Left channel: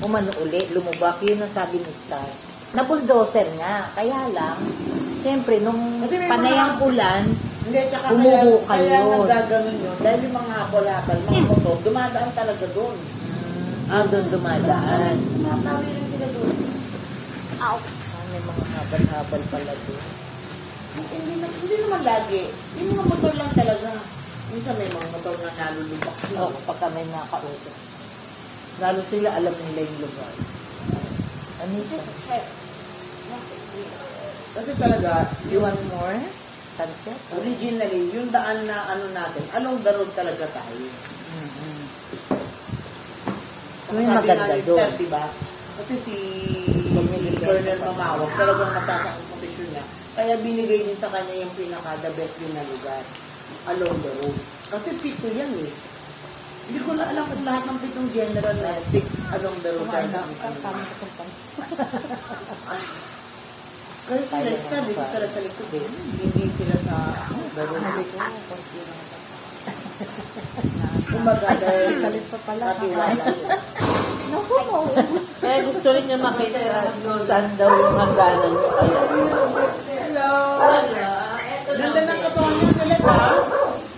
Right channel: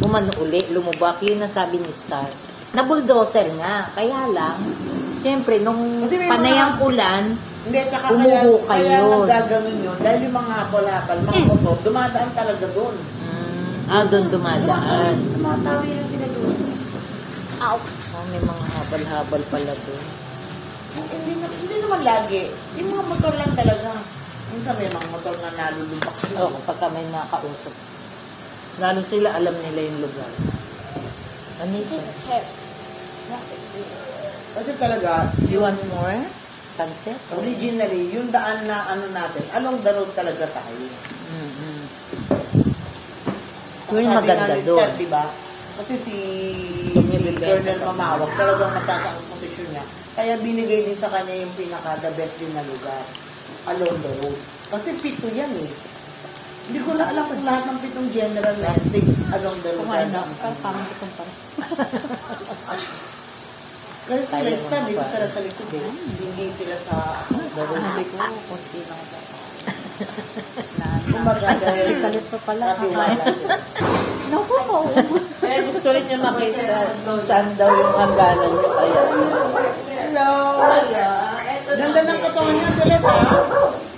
umano uli, lumubak. Yun ang sabi ni Star. Na bulldozer nga. Kaya lang, siyempre, nung panayang ulan, hindi, tsaka umuho kaya kayo. nagagawin yun. Dahil yung mga habal-habal, mga motor, dumadaan talaga doon. Doon dumadaan. Tumatawi lang sila doon. Ow. May mga habal-habal pala doon. Hindi naman lagi. Yung mga motor lang talaga. Minsan may mga motor na nalulubak sila. Oo, kapag kami nakausap. Lalo sila, alam nila yung lugar. Ano ito? Kasi talaga, You want more? Pancet? originally, yung daan na ano natin, along the road talaga tayo. Yung maganda doon. Diba? Kasi si Colonel Mamawag talagang mataas ang posisyon niya. Kaya binigay din sa kanya yung pinaka-the best din na lugar. Along the road. Kasi pito yan eh. Hindi ko na alam kung lahat ng pitong general na along the road. Kasi sila sabi ko sa likod eh. Hindi sila sa the road. Kumaga dahil katiwala sila. Kaya gusto rin niya makita saan daw yung hangganan niyo. Hello! Ganda ng katawan niya sila ha?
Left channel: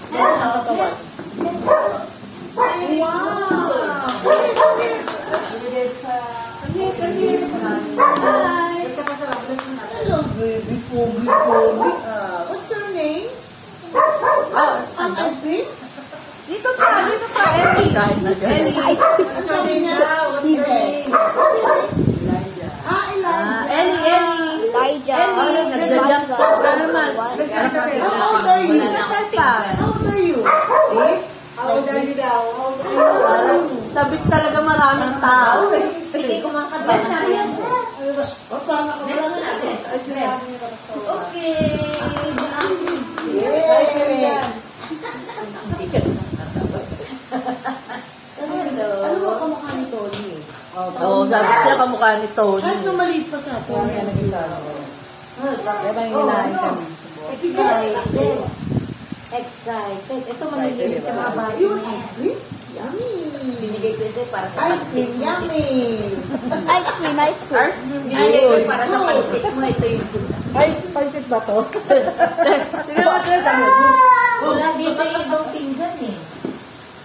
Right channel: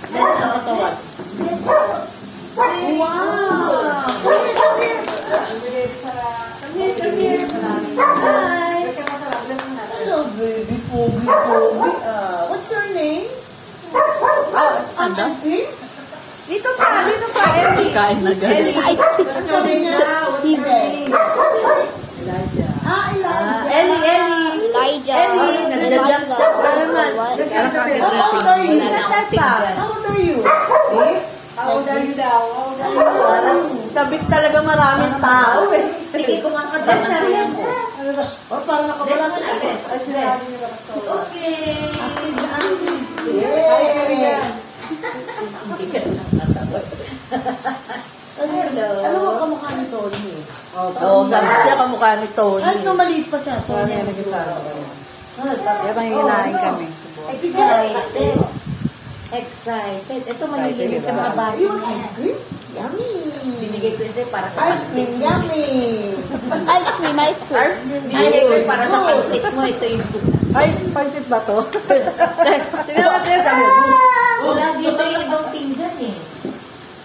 Ganda ng katawan. Wow! Hello baby, pogi. What's your name? Ate? Dito ka. Kain na gano'n. Sabi niya, what's your name? Elijah. Elijah. What? How old are you? How old are you? Is? How old are you daw? Kabit talaga maraming tao. Hindi ko makagana na yan. Paano ka ba natin? Ay, sinabi niyo ba sa Okay. Ano mo kamukha ni Tony? Oo, siya kamukha ni Tony. Kahit na maliit pa siya, Tony ang nagsasabi. Kaya bang hilahin kami? Excited. Ito manililig sa mga bata. Yung ice cream? Yummy! Binigay ko isa para sa Ice cream, yummy! Ice cream, ice cream. Binigay ko para sa pansit mo. Ito yung Ay, pansit ba to? wala dito yung ibang pinggan eh.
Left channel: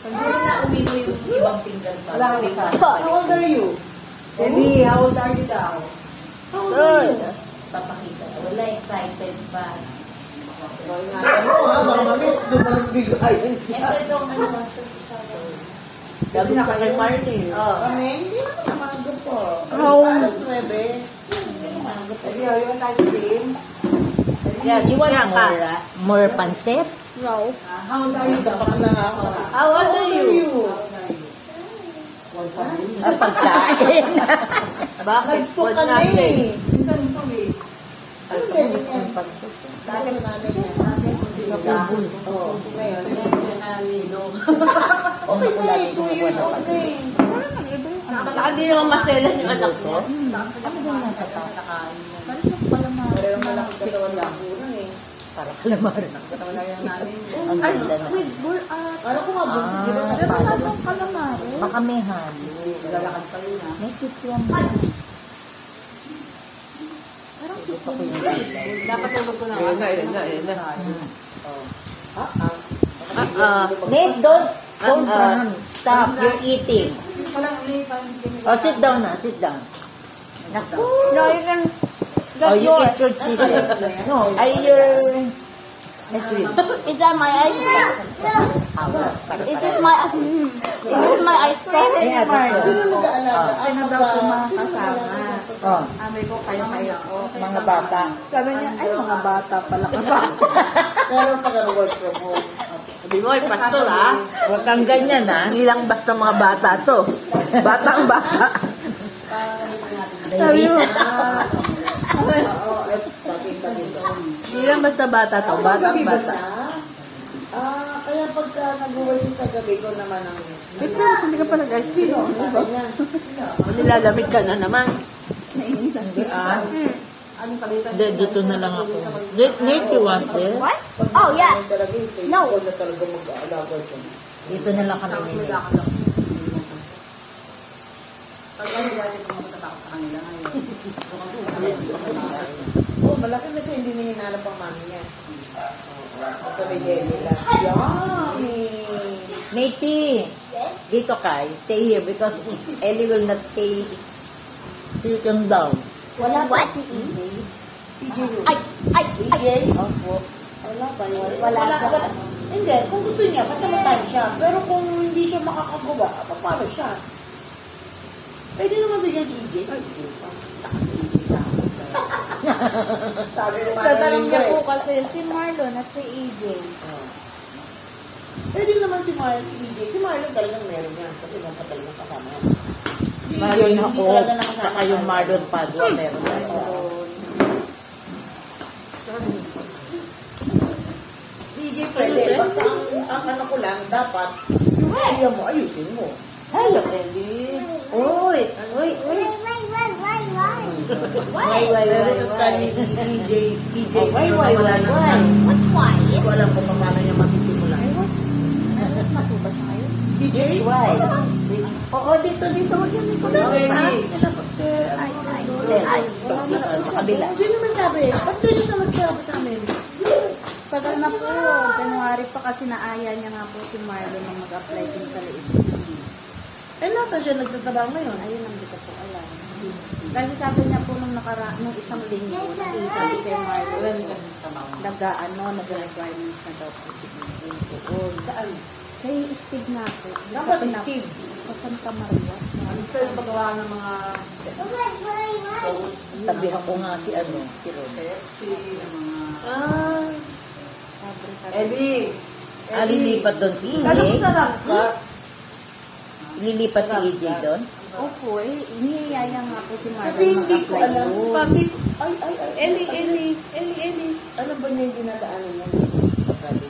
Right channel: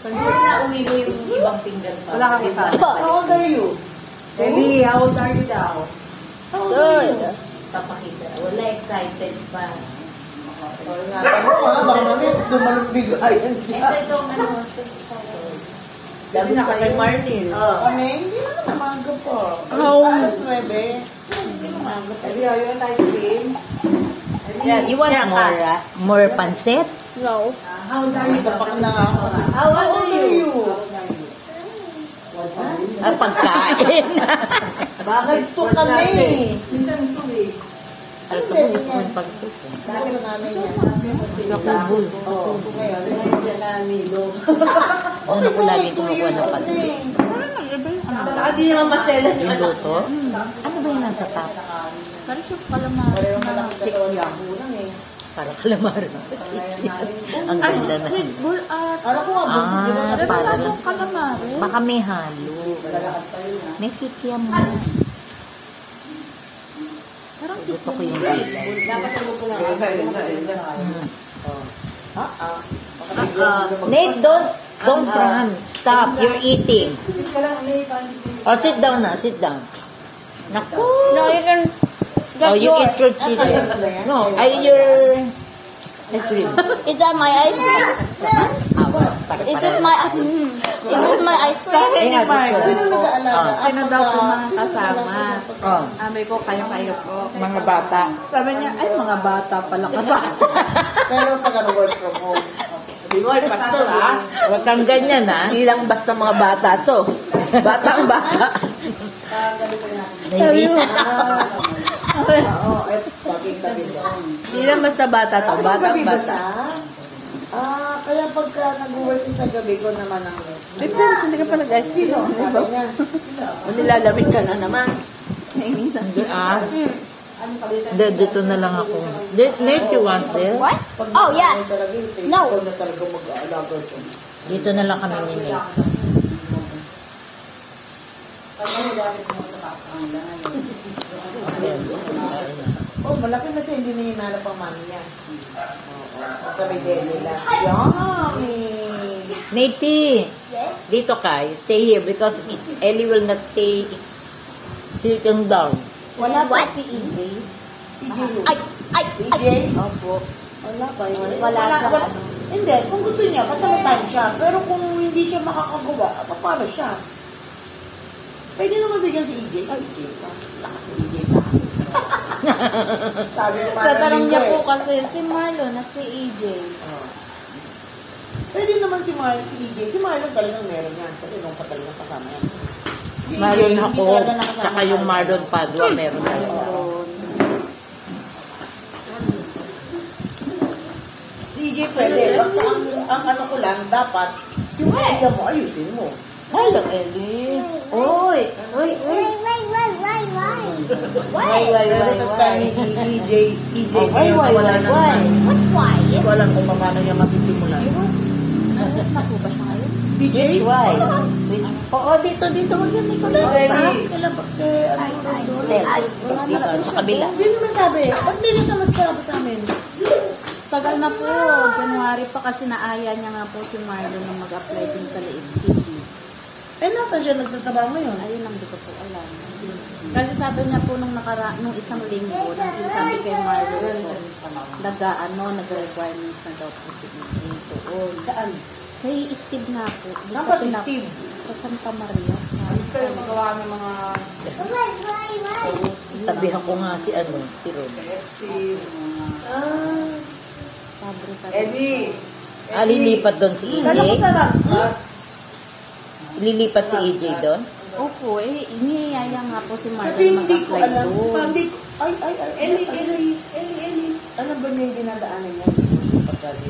Hindi na umigo yung ibang pinggan pa. Wala kang isa. How old are you? Baby, how old are you daw? Good. Papakita. Wala excited pa. Ano ko nga, baka mami, dumalong bigayan siya. Itong ano. Sabi na kay Martin. Kami, hindi naman namaga po. Oh. Alas 9. Hindi namaga po. Sabi, you want ice cream? You want more pancit? No. How old are you daw? Baka na nga ako. How How old are you? Ang pagkain. Nagto ka na eh. Minsan ito eh. Ano din yan? Dalo namin yan. Oo. Ngayon, Yan na nilo. okay na eh, 2 years old na eh. Hindi yung maselan yung anak Luto? Ano ba yung nasa top? Parehong malaking katawan lang unang eh. Para kalamar. Ang ganda na. Alam ko nga, buntis di ba? Baka may halo. May kikiam mo. Ito ko yung Nate, don't run. Stop. You're eating. Oh, sit down na. Sit down. Naku. No, you can Oh, get you yours. eat your chicken. No, your ice cream. Is that my ice cream? Is this my ice cream? Ayan, Hindi ito. na mag-aalaga. Ano daw po mga kasama? Oh, Amay ko, kayo po. mga bata. Sabi niya, ay mga bata pala kasama. Pero pag work from home. Sabi mo, pastor ha? Huwag kang ganyan, ha? Hindi lang basta mga bata to. Batang bata. Sabi mo. Oo, bakit-bakit. Hindi lang basta bata to. Batang Gabi ba bata. siya? Kaya pagka nag-work sa gabi ko naman ang... Ay, pero hindi ka pa nag-ice cream. Sabi niya. Nilalamig ka na naman. Hindi, Hindi, dito na lang ako. Nate, you want this? What? Oh, yes. No. Ikaw na talaga mag-aalaga siya. Dito na lang kami ni Nate. Oh, malaki na siya, hindi na hinanap ang mami niya. Napalagay lang. Yummy! Matey, dito ka. Stay here because Ellie will not stay sitting down. What? Si Jiro. Ay! EJ? Opo. Wala pa yun. Wala. Hindi, kung gusto niya, basta may time siya. Pero kung hindi siya makakagawa, paano siya? Pwede naman bigyan si EJ. Ay, EJ pa. Lakas na EJ sa akin. Sabi ng mga Tatanong niya linggo po kasi si Marlon at si EJ. Pwede naman si Marlon, si EJ. Si Marlon talagang meron yan. Kasi nung pa talagang kasama yan. Si EJ, Ngayon hindi ako, talaga nakasama saka yung tayo. Marlon Padua, meron tayo. Si EJ pwede. Basta ang ano ko lang, dapat yung kaya mo, ayusin mo. Hello, Ellie. Uy! Uy! Uy! Why? Pero sa style ni EJ ngayon why, wala why, nang why? What's why? Hindi ko alam kung paano niya masisimulan. Which why? Oo, dito. Huwag yan, Nicola. Sa kabila. Sino naman sabi? Ba't bilis na nagsabi sa amin? Tagal na po. January pa kasi naaya niya nga po si Marlon na mag-apply din sa LSED. Eh, nasan siya nagtatrabaho ngayon? Ayun ang di ko po alam. Kasi sabi niya po nung isang linggo, sabi kay Marlon, nag-requirements na daw po si Marlon doon. Saan? Kay Steve na po. Dapat si Steve. Sa Santa Maria. Ano kayo magawa ng mga... Sabihan ko nga si Ron. Eddie! Lilipat doon si EJ? Lilipat si EJ doon? Opo, niyaya nga po si Marlon. Kasi hindi ko mag-apply alam. doon. Hindi ko... Ellie. Alam ba niya yung dinadaanan niya? Pagkali.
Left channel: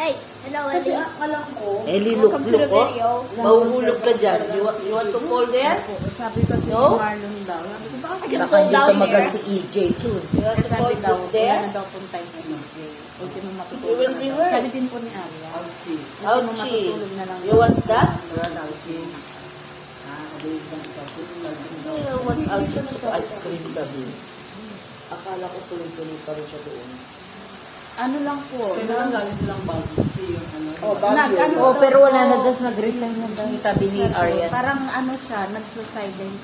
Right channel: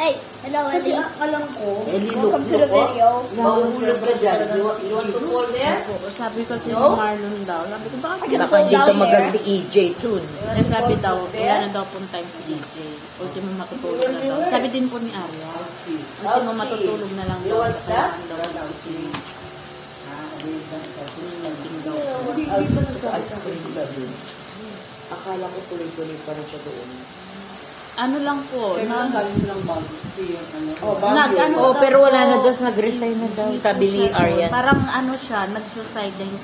Hey, hello, Kasi Ellie. ang alam ko... Welcome to the video. Nahulog ka dyan. You want to call there? Sabi ko si Marlon daw. Sabi ko, bakit I can Baka fall dito down magal here. si EJ too. Ay, sabi daw, wala na daw pong time si EJ. Ultimo matutulog na daw. Sabi din po ni Arya. Ultimo matutulog na lang. You want that? Hindi pa nagsabi sa akin si David. Akala ko tuloy-tuloy pa rin siya doon. Ano lang po. Oh, Baguio. Oo, pero wala na doon. Nag-resign na daw. Sabi ni Arya. Parang ano siya, nagsa-sideline.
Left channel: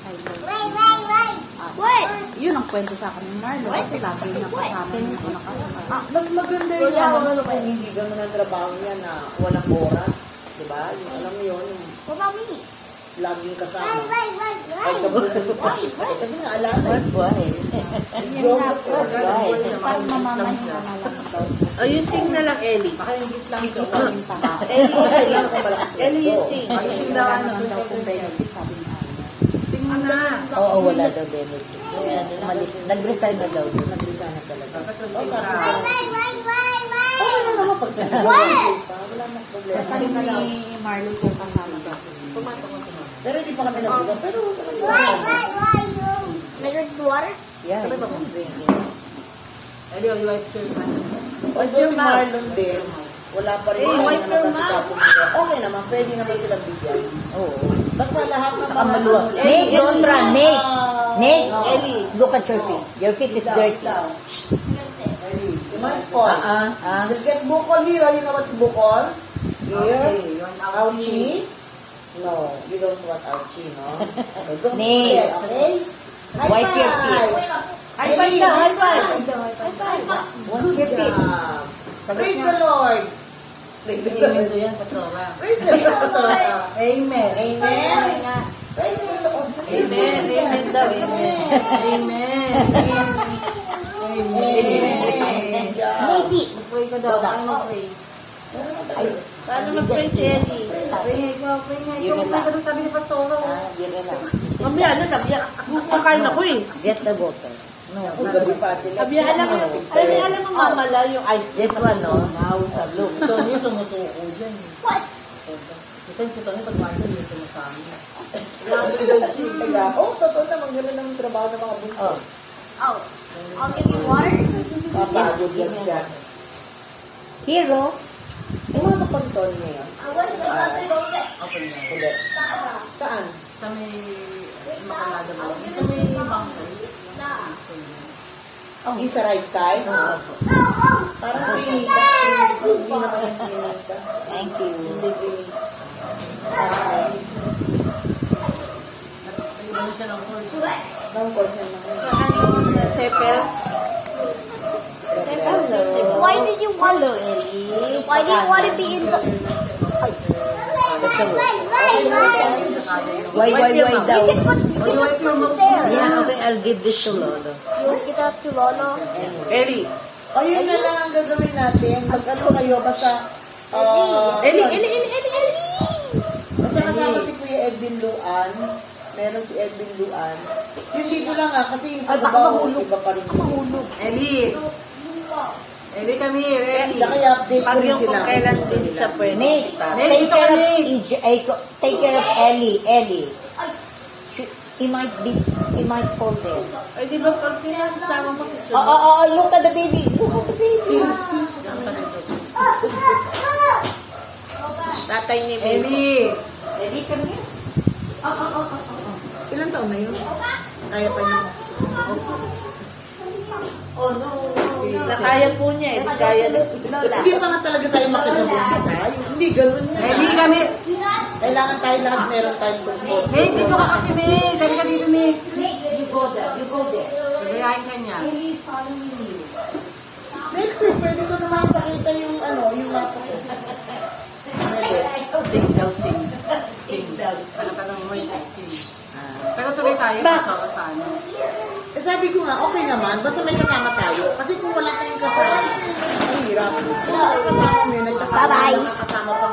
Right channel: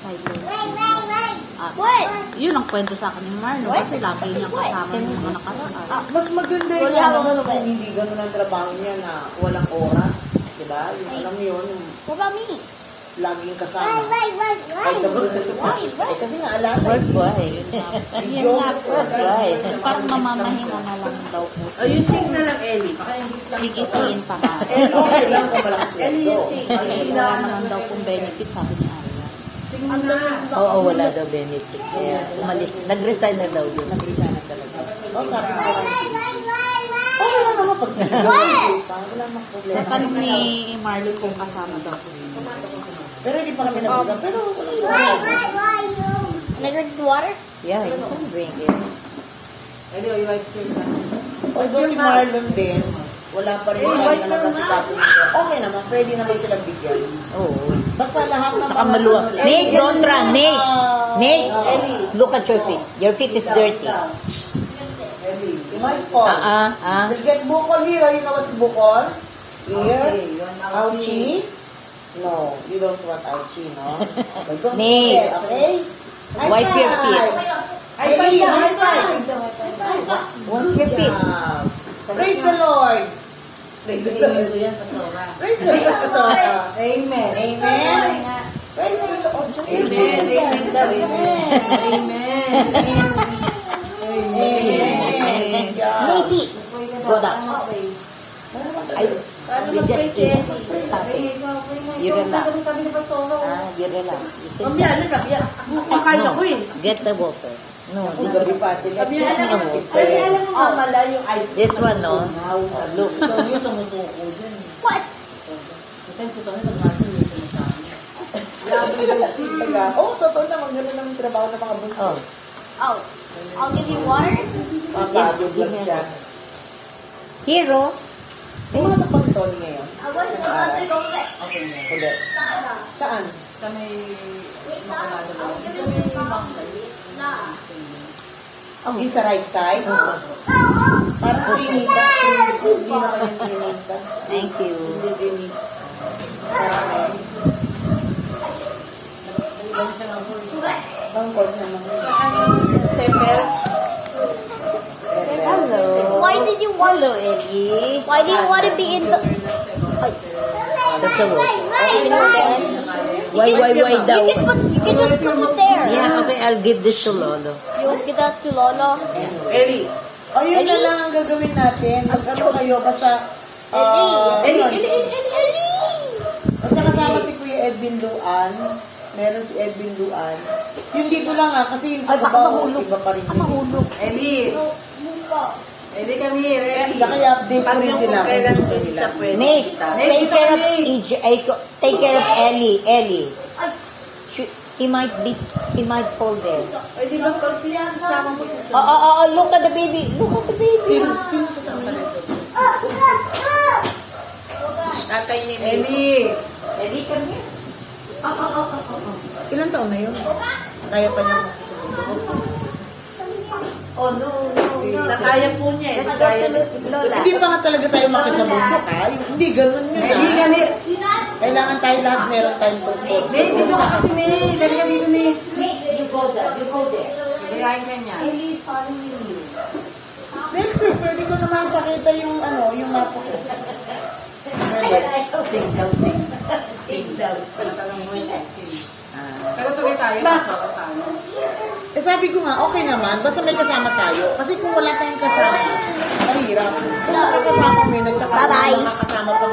What? Yun ang kwento sa akin ni Marlon. Kasi lagi niya kasama dito nakakasama. Mas maganda yung ano kung hindi gano'n ang trabaho niya na walang oras. Diba? Yung alam mo yun, yung What about me? laging kasama. Kahit sa buhay ko pa. Kasi nga, alam mo, Why? geographer. Parang mamamahinga na lang daw. Ayusin na lang, Ellie. Kikisihin pa ba? Okay lang kung malakas sweldo. Wala na daw kung benefits, sabi niya. Oo, wala daw benefit. Kaya umalis. Nag-resign na daw doon. Nag-isa na talaga. Oh, sabi ko lang. Okay lang naman pag sinabi. Wala namang problema. Parang ni Marlon yung kasama dati. Pero hindi pa kami nag-usap. Pero walang problema. Can I drink water? Yeah, you can drink it. Although si Marlon din, wala pa rin tayo na nagkasikaso niya. Okay naman, pwede naman silang bigyan. Oo. Basta lahat ng mga... Maluwa. Nate, don't run. Nate, look at your feet. Your feet is dirty. You might fall. We'll get bukol here. You know what's bukol? Here. Ouchie. No, you don't want ouchie, no? So don't Nate. forget, okay? Wipe your feet. High five. Wash your feet. Praise the Lord. Praise the Lord. Praise the Lord. Amen. Amen. Praise the Lord. Amen. Amen. Nate, go down. You just you relax. You relax. Get the water. No, Ang this gabi one. pa atin. This one, no. Look. What? Oh, totoo naman. Gano'n lang yung trabaho ng mga bunso. Oh, I'll give you water. Papagod lang siya. Hero. May mga sa pagton ngayon. I was about to go there. Ulit. Saan? Sa may Yung sa right side. Parang pinita. Hindi naman yung pinita. Thank you. Hindi pinita. Parang ang court naman. Why did you want Hello, Ellie. Why do you want to be in the? That's a word. Why daw? You can just put it there. Yeah, okay, I'll give this to Lolo. You want to give that to Lolo? Ellie. O yun na lang ang gagawin natin. Mag-ano kayo, basta... Basta kasama si Kuya Edwin Luan. Meron si Edwin Luan. Yung dito lang kasi yung sa babaw, iba pa rin yun. Ellie. Ellie kami. Kaya i-update ko rin sila. Nick, take care of Ellie. Ellie. He might fall there. Ay, di ba kasi kasama ko si Sir? Look at the baby. Look at the baby. Sino sa kanya? Tatay ni Ellie. Ellie, come here. Ilan taon na yun? Kaya pa niya. Oh, no. Kaya po niya eh. Kaya Hindi pa nga talaga tayo makasabot na tayo. Hindi, ganun yun. Ellie kami. Kailangan tayo lahat meron tayong tungkol. Ellie, dito ka kasi ni. Dali ka dito ni. Nick, you go there. You go there. Kaya niya. Ellie is following you. Next week, pwede ko naman pakita yung yung mapa ko. Sing daw, sing. Sing daw, sing. Pero tuloy tayo kasama. Sabi ko nga, okay naman, basta may kasama tayo. Kasi kung wala tayong kasama, mahirap. Kung kasama mo, nagkasama, Bye-bye. makakasama pa